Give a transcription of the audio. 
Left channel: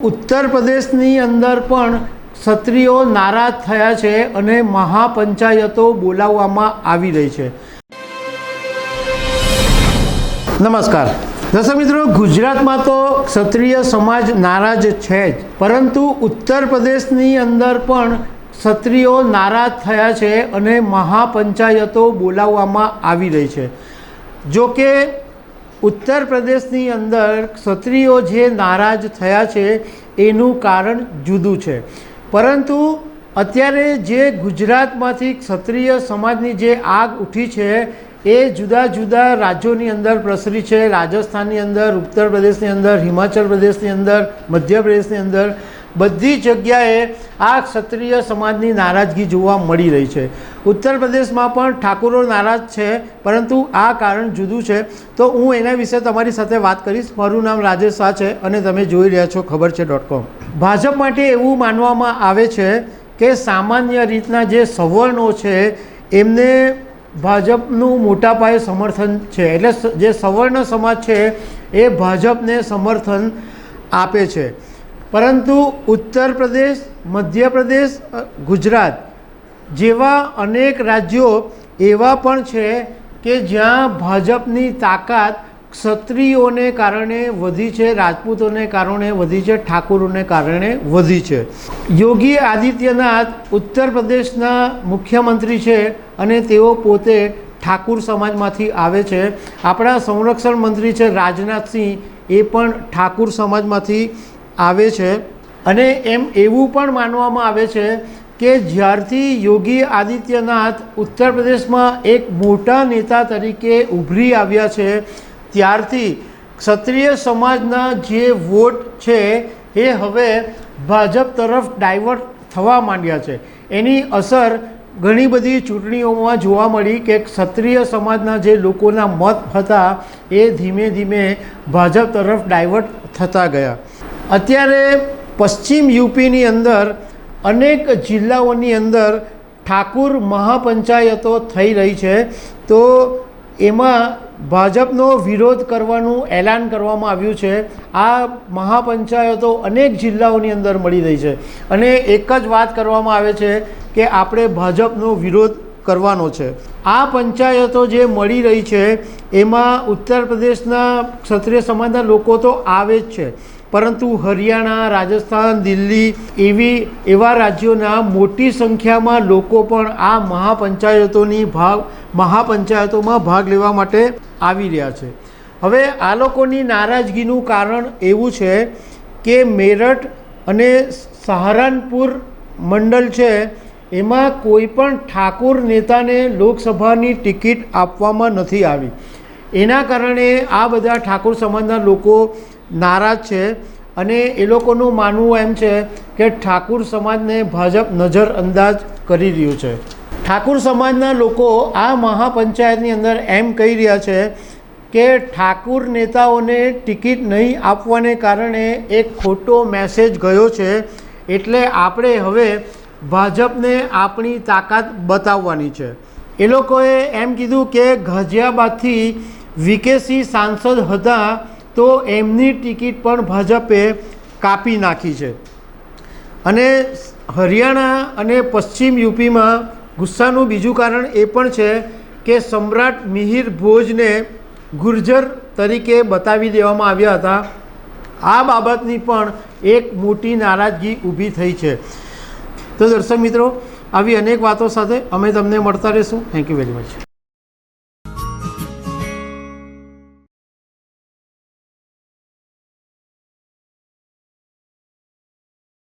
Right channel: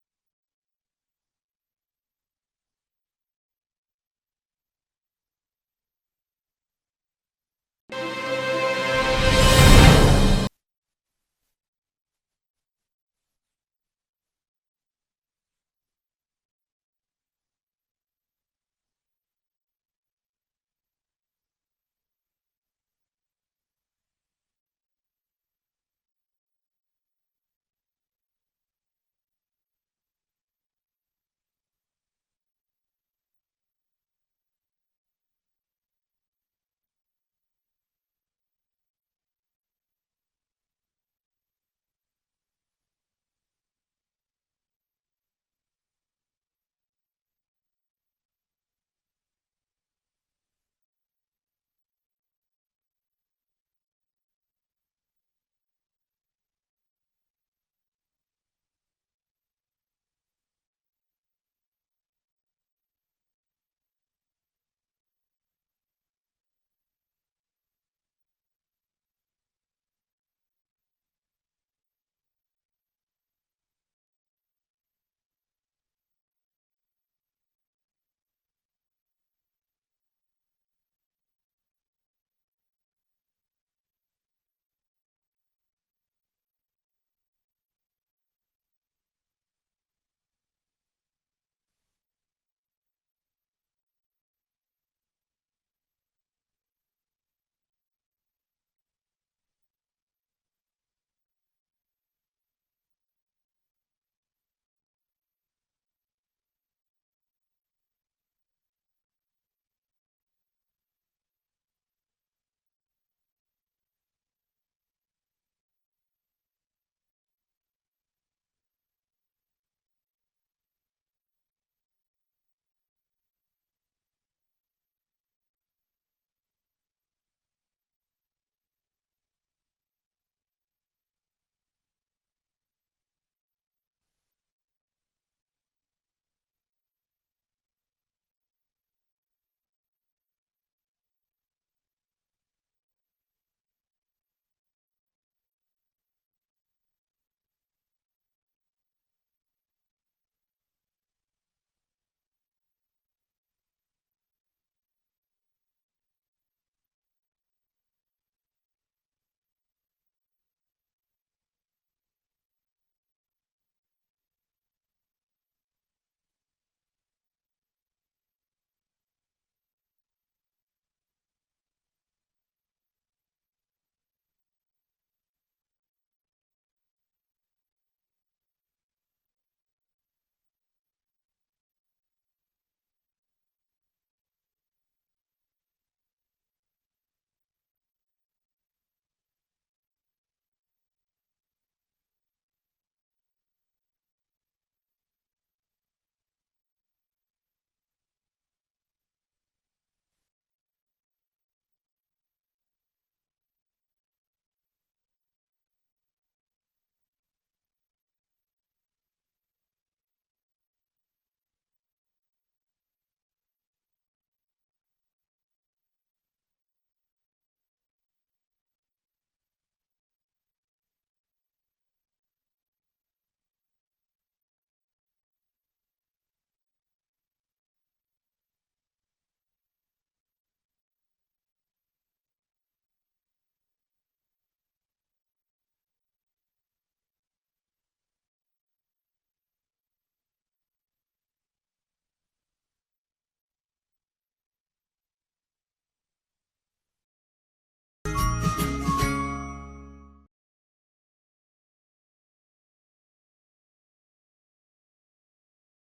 उत्तर प्रदेशनी अंदर पण क्षत्रियो नाराज थया छे अने महापंचायतो बोलाववामां आवी रही छे। नमस्कार दर्शक मित्रों, गुजरात में तो क्षत्रिय समाज नाराज है, परंतु उत्तर प्रदेशनी अंदर पण क्षत्रियो नाराज थया छे अने महापंचायतो बोलाववामां आवी रही छे। जो के उत्तर प्रदेशनी अंदर क्षत्रियो जे नाराज थया छे एनुं कारण जुदुं छे, परंतु अत्यारे जे गुजरातमांथी क्षत्रिय समाजनी जे आग उठी छे ए जुदा जुदा राज्योनी अंदर प्रसरी छे। राजस्थाननी अंदर, उत्तर प्रदेशनी अंदर, हिमाचल प्रदेशनी अंदर, मध्य प्रदेशनी अंदर बधी जग्याए आ क्षत्रिय समाजनी नाराजगी जोवा मळी रही छे। उत्तर प्रदेश में पण ठाकुरो नाराज छे, परंतु आ कारण जुदुं छे। तो हूँ एना विषे तमारी साथे वात करीश। मारुं नाम राजेश शाह छे अने तमे जोई रह्या छो खबर छे .com। भाजप माटे एवुं मानवामां आवे छे के सामान्य रीतना जे सवर्णो छे एमने भाजपનું મોટા પાયે સમર્થન છે, એટલે જે સવર્ણ સમાજ છે એ ભાજપને સમર્થન આપે છે। પરંતુ ઉત્તર પ્રદેશ, મધ્ય પ્રદેશ, ગુજરાત જેવા અનેક રાજ્યો એવા પણ છે કે જ્યાં ભાજપની તાકાત ક્ષત્રિયોને કારણે વધી છે, રાજપૂતોને કારણે વધી છે, ઠાકોરોને કારણે વધી છે। યોગી આદિત્યનાથ ઉત્તર પ્રદેશના મુખ્યમંત્રી છે અને તેઓ પોતે ઠાકુર સમાજમાંથી આવે છે। આપણા સંરક્ષણ મંત્રી છે રાજનાથ સિંહ, એ પણ ઠાકુર સમાજમાંથી આવે છે। અને એમ એવું પણ માનવામાં આવે છે કે જ્યારથી યોગી આદિત્યનાથ ઉત્તર પ્રદેશમાં એક મોટા નેતા તરીકે ઉભરી આવ્યા છે ત્યારથી ક્ષત્રિય સમાજના જે વોટ છે એ હવે ભાજપ તરફ ડાયવર્ટ થવા માંડ્યા છે। એની અસર ઘણી બધી ચૂંટણીઓમાં જોવા મળી કે ક્ષત્રિય સમાજના જે લોકોના મત હતા એ ધીમે ધીમે ભાજપ તરફ ડાયવર્ટ થતા ગયા। અત્યારે પશ્ચિમ યુપીની અંદર અનેક જિલ્લાઓની અંદર ઠાકુર મહાપંચાયતો થઈ રહી છે। તો એમાં ભાજપનો વિરોધ કરવાનું એલાન કરવામાં આવ્યું છે। આ મહાપંચાયતો અનેક જિલ્લાઓની અંદર મળી રહી છે અને એક જ વાત કરવામાં આવે છે કે આપણે ભાજપનો વિરોધ કરવાનો છે। આ પંચાયતો જે મળી રહી છે એમાં ઉત્તર પ્રદેશના ક્ષત્રિય સમાજના લોકો તો આવે જ છે, પરંતુ હરિયાણા, રાજસ્થાન, દિલ્હી એવા રાજ્યોના મોટી સંખ્યામાં લોકો પણ આ મહાપંચાયતોમાં ભાગ લેવા માટે આવી રહ્યા છે। હવે આ લોકોની નારાજગીનું કારણ એવું છે કે મેરઠ અને સહારનપુર મંડળ છે એમાં કોઈ પણ ઠાકુર નેતાને લોકસભાની ટિકિટ આપવામાં નથી આવી। એના કારણે આ બધા ઠાકુર સમાજના લોકો નારાજ છે અને એ લોકોનું માનવું એમ છે કે ઠાકુર સમાજને ભાજપ નજરઅંદાજ કરી રહ્યું છે। ઠાકુર સમાજના લોકો આ મહાપંચાયતની અંદર એમ કહી રહ્યા છે કે ઠાકુર નેતાઓને ટિકિટ નહીં આપવાને કારણે એક ખોટો મેસેજ ગયો છે, એટલે આપણે હવે ભાજપને આપણી તાકાત બતાવવાની છે। એ લોકોએ એમ કીધું કે ગાઝિયાબાદથી વીકેસી સાંસદ હતા તો એમની ટિકિટ પણ ભાજપે કાપી નાખી છે। અને હરિયાણા અને પશ્ચિમ યુપીમાં ગુસ્સાનું બીજું કારણ એ પણ છે કે સમ્રાટ મિહિર ભોજને ગુર્જર તરીકે બતાવી દેવામાં આવ્યા હતા। આ બાબતની પણ એક મોટી નારાજગી ઊભી થઈ છે। તો દર્શક મિત્રો, આવી અનેક વાતો સાથે અમે તમને મળતા રહીશું। Thank you very much.